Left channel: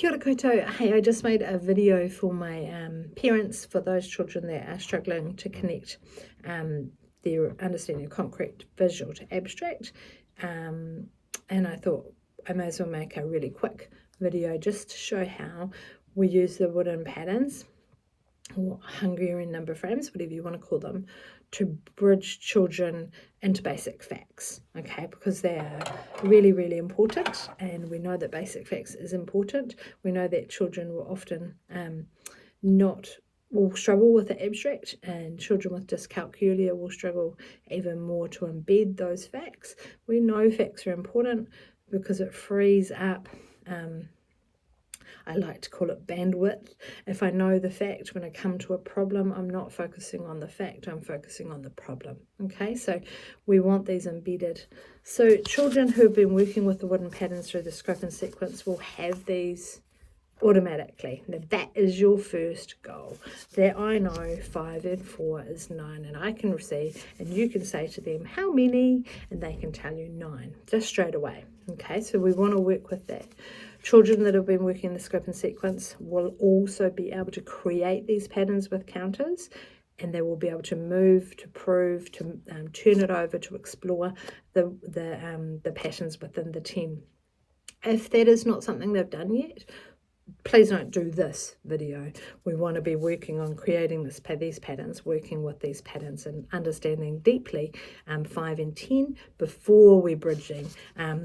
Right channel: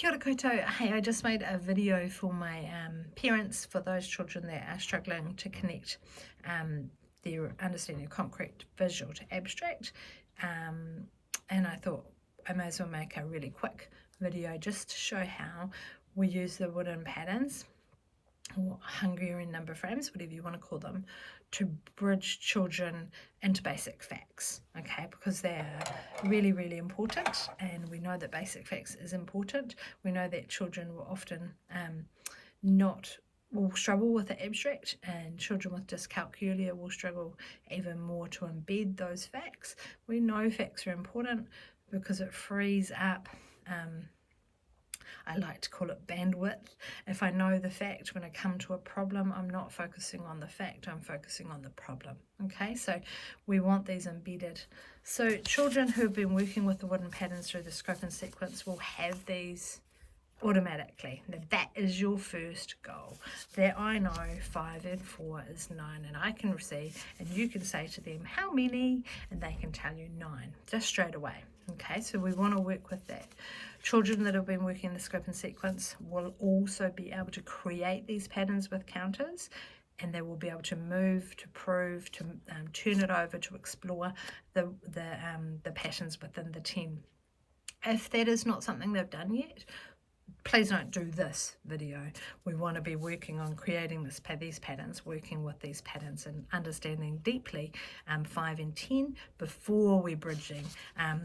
Kia ora koutou. Hey, I just made a video for my parents, for those children that are struggling to connect their understanding of concrete visual to abstract. And I thought I may as well make a really quick video just to show how we use the wooden patterns, or Hungarian number frames, whatever you want to call them, to bridge children into basic facts, okay, because they are really, really important, and we know that basic facts is important. We know that children will often will struggle with the abstract, and children with dyscalculia will struggle even more to embed those facts. We know facts are important because it frees up I like to call it bandwidth. If I know the fact, when I come to a problem, I'm not focusing on the fact, I'm focusing on the problem. Okay, so we want these embedded. So children who have been working with the wooden patterns through the scope and sequence will have these automatically. Now that is your first goal, that I know 5 and 4 is 9, and I can see, and you can say to them how many, and they can tell you 9 just straight away. Okay, so we want to work with that. Children that have been working in the scope and sequence will also be able to create these patterns with counters, and they will be able to move, to prove, to turn it over, to explore the patterns within the 10. If that is not something they've done yet, please don't do this video. We want to be working on creating these patterns, working with these patterns and understanding deeply 5 and 10 before we're bridging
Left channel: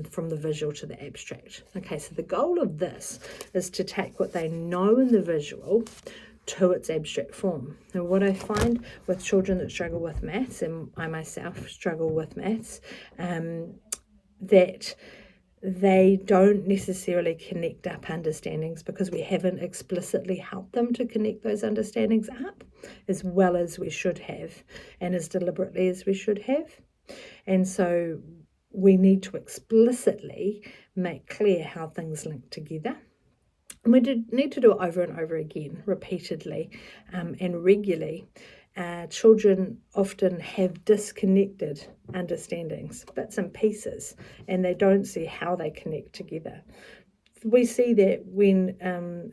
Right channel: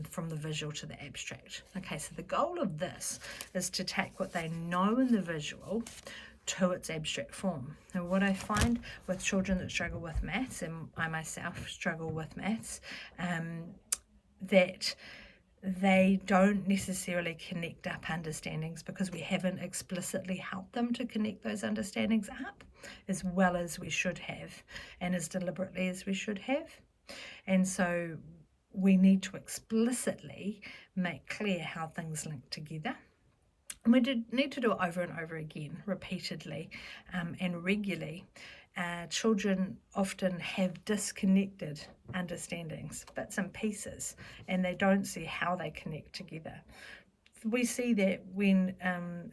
from the visual to the abstract. Okay, so the goal of this is to take what they know in the visual to its abstract form. And what I find with children that struggle with maths, and I myself struggle with maths, that they don't necessarily connect up understandings because we haven't explicitly helped them to connect those understandings up as well as we should have, and as deliberately as we should have. And so we need to explicitly make clear how things link together. And we need to do it over and over again, repeatedly and regularly. Children often have disconnected understandings, bits and pieces, and they don't see how they connect together. We see that when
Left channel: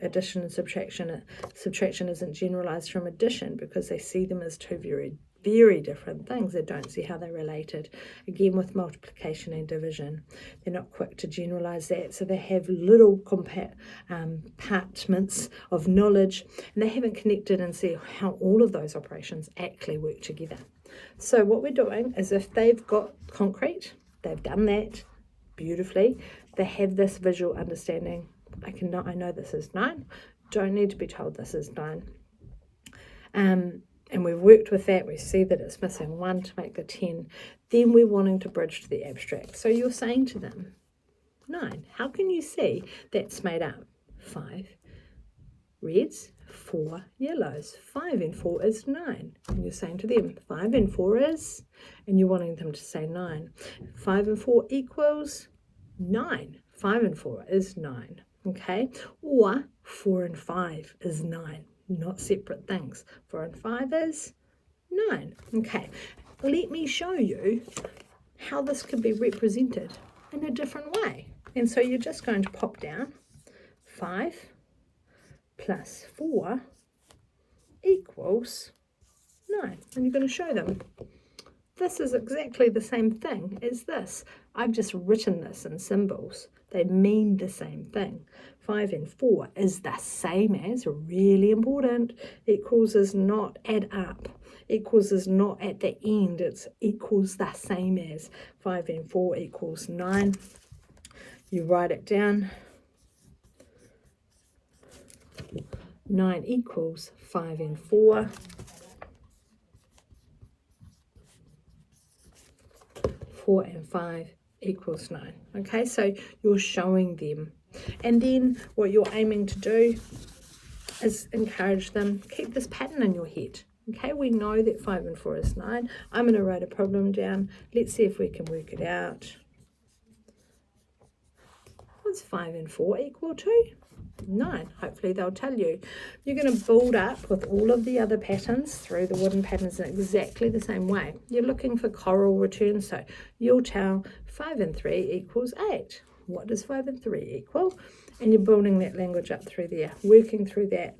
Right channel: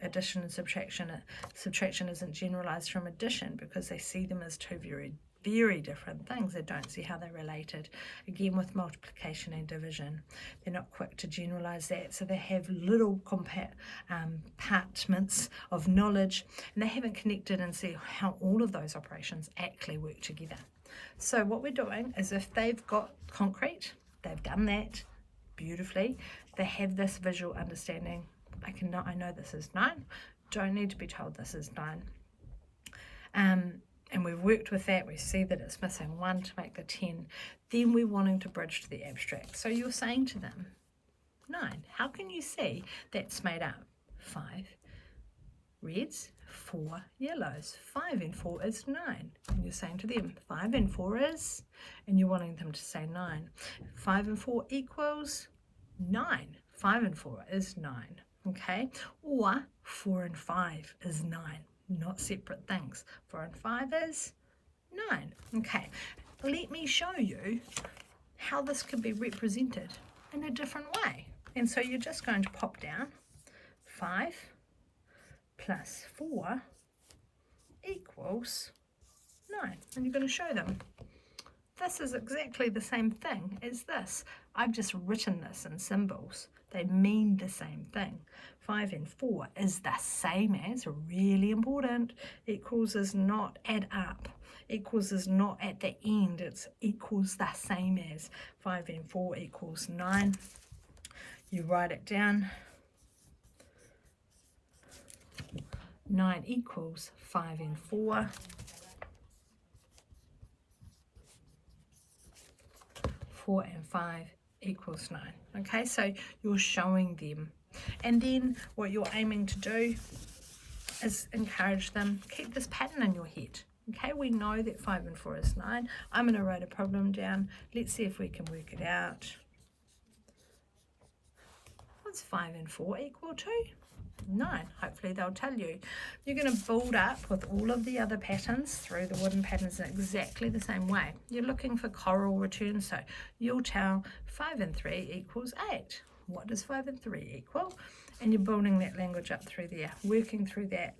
addition and subtraction isn't generalized from addition, because they see them as two very, very different things. They don't see how they're related. Again, with multiplication and division, they're not quick to generalize that, so they have little compartments of knowledge, and they haven't connected and see how all of those operations actually work together. So what we're doing is, if they've got concrete, they've done that beautifully, they have this visual understanding. I know this is 9, don't need to be told this is 9. And we've worked with that, we see that it's missing 1 to make the 10. Then we're wanting to bridge to the abstract. So you're saying to them, 9, how can you see that's made up? 5 reds, 4 yellows. 5 and 4 is 9. And you're saying to them, 5 and 4 is, and you're wanting them to say 9. 5 and 4 equals 9. 5 and 4 is 9. Okay, or 4 and 5 is 9. Not separate things. 4 and 5 is 9. Okay, let me show you how this could be represented in a different way. And so you're just going to pop down 5 plus 4 equals 9. And you're going to show them this is exactly the same thing as this. I've just written this in symbols. They mean the same thing. 5 and 4 is the same as, really important, equals is not add up. Equals is not at the end, it's equals the same as. 5 and 4 equals 9. You write it down. 9 equals 5 and 4. 4 and 5 equals 9. Okay, so you're showing them. And then what you're aiming to do is encourage them, keep this pattern in your head. Okay, we know that 5 and 4 is 9. I'm going to write a problem down. Let's see if we can work it out. What's 5 and 4 equal to? 9. Hopefully they'll tell you. You're going to build up with all of the other patterns through the wooden patterns in exactly the same way. You're looking for choral returns, so you'll tell 5 and 3 equals 8. What does 5 and 3 equal? And you're building that language up through there, working through that,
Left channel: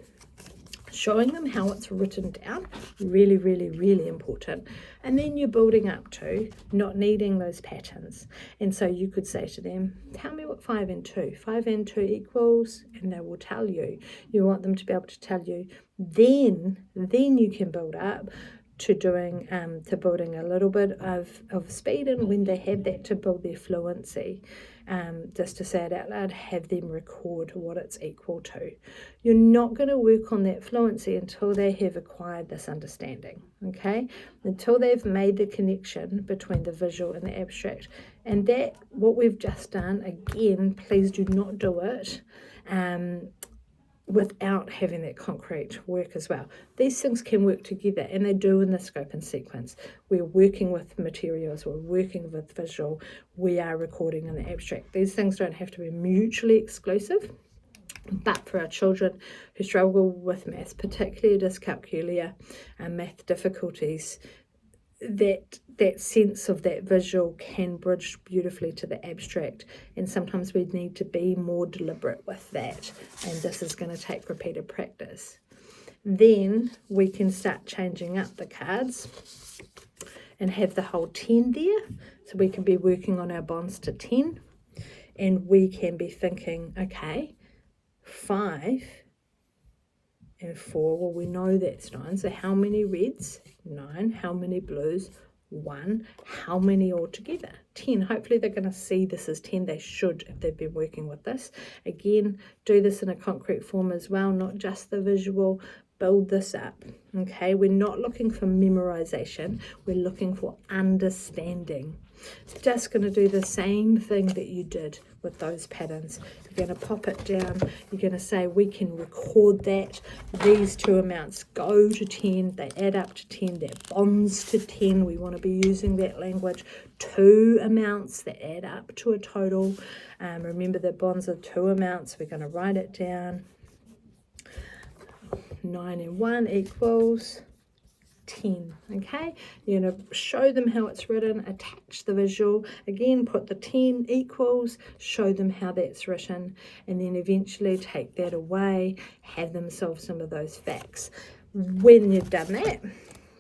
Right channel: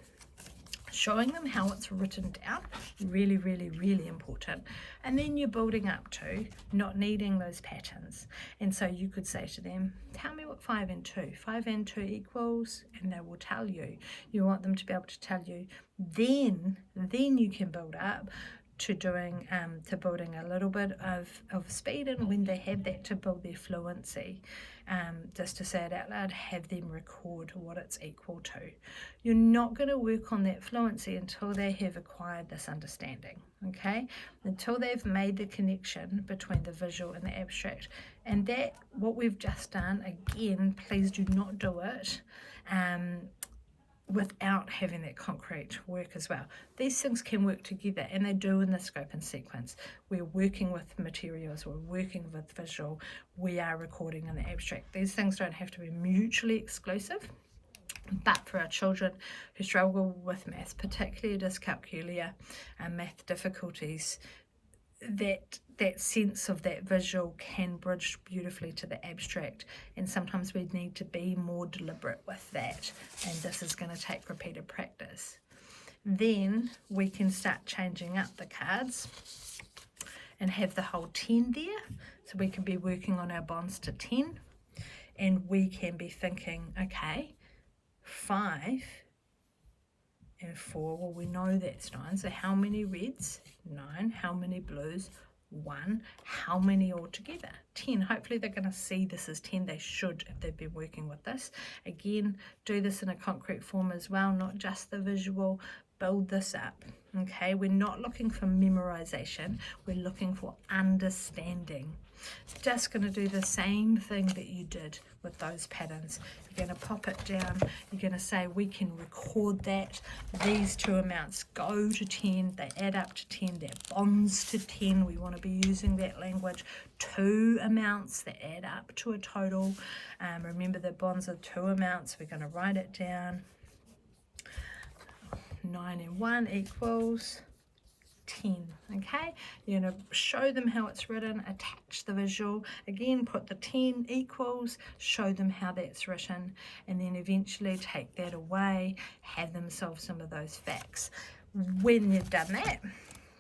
showing them how it's written down, really, really, really important. And then you're building up to not needing those patterns. And so you could say to them, tell me what 5 and 2 equals, and they will tell you. You want them to be able to tell you. Then you can build up to doing to building a little bit of speed, and when they have that, to build their fluency, just to say it out loud, have them record what it's equal to. You're not going to work on that fluency until they have acquired this understanding, okay, until they've made the connection between the visual and the abstract. And that, what we've just done, again, please do not do it without having that concrete work as well. These things can work together, and they do in the scope and sequence. We're working with materials, we're working with visual, we are recording in the abstract. These things don't have to be mutually exclusive, but for our children who struggle with maths, particularly dyscalculia and math difficulties, that sense of that visual can bridge beautifully to the abstract, and sometimes we need to be more deliberate with that, and this is going to take repeated practice. Then we can start changing up the cards and have the whole 10 there, so we can be working on our bonds to 10, and we can be thinking, okay, 5 and 4, well, we know that's 9, so how many reds? 9. How many blues? 1. How many altogether? 10. Hopefully they're going to see this as 10. They should, if they've been working with this. Again, do this in a concrete form as well, not just the visual. Build this up, okay? We're not looking for memorization. We're looking for understanding. Just going to do the same thing that you did with those patterns. You're going to pop it down. You're going to say, we can record that. These two amounts go to 10. They add up to 10. That bonds to 10. We want to be using that language. 2 amounts that add up to a total. Remember that bonds are 2 amounts. We're going to write it down. 9 and 1 equals 10, okay? You're going to show them how it's written, attach the visual, again put the 10 equals, show them how that's written, and then eventually take that away, have them solve some of those facts. When you've done that,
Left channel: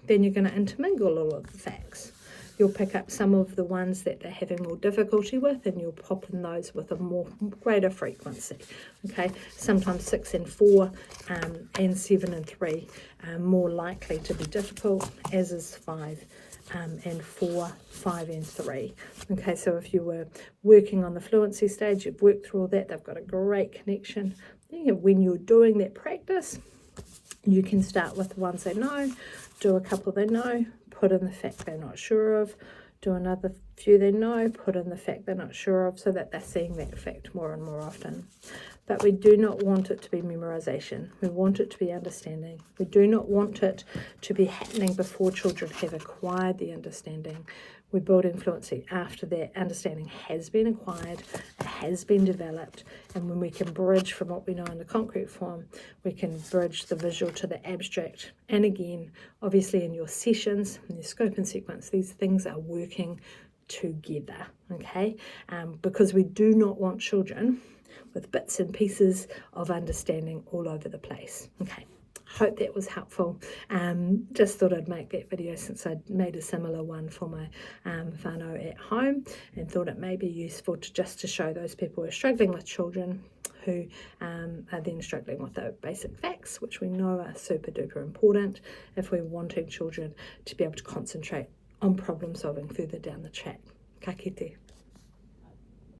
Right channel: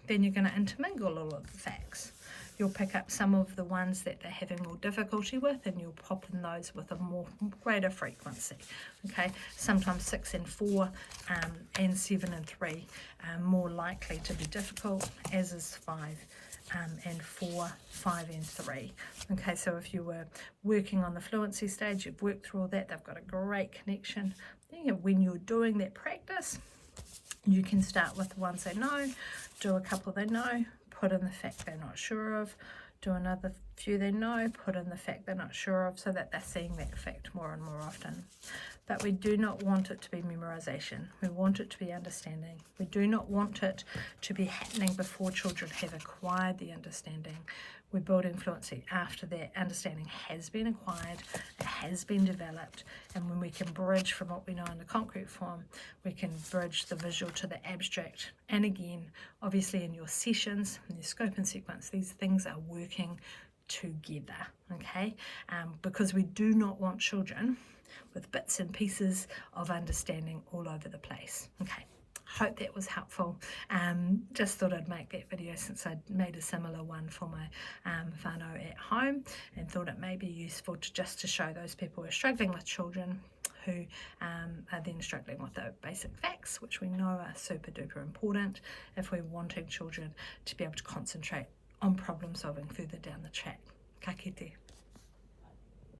then you're going to intermingle all of the facts. You'll pick up some of the ones that they're having more difficulty with, and you'll pop in those with a greater frequency. Okay, sometimes 6 and 4 and 7 and 3 are more likely to be difficult, as is 5 and 4, 5 and 3. Okay, so if you were working on the fluency stage, you've worked through all that, they've got a great connection. When you're doing that practice, you can start with the ones they know, do a couple they know, put in the fact they're not sure of, do another few they know, put in the fact they're not sure of, so that they're seeing that fact more and more often. But we do not want it to be memorization. We want it to be understanding. We do not want it to be happening before children have acquired the understanding. We're building fluency after that understanding has been acquired, it has been developed, and when we can bridge from what we know in the concrete form, we can bridge the visual to the abstract. And again, obviously in your sessions, in your scope and sequence, these things are working together, okay? Because we do not want children with bits and pieces of understanding all over the place, okay? Hope that was helpful. Just thought I'd make that video since I'd made a similar one for my whānau at home, and thought it may be useful to show those people who are struggling with children who are then struggling with the basic facts, which we know are super duper important if we're wanting children to be able to concentrate on problem solving further down the track. Ka kite.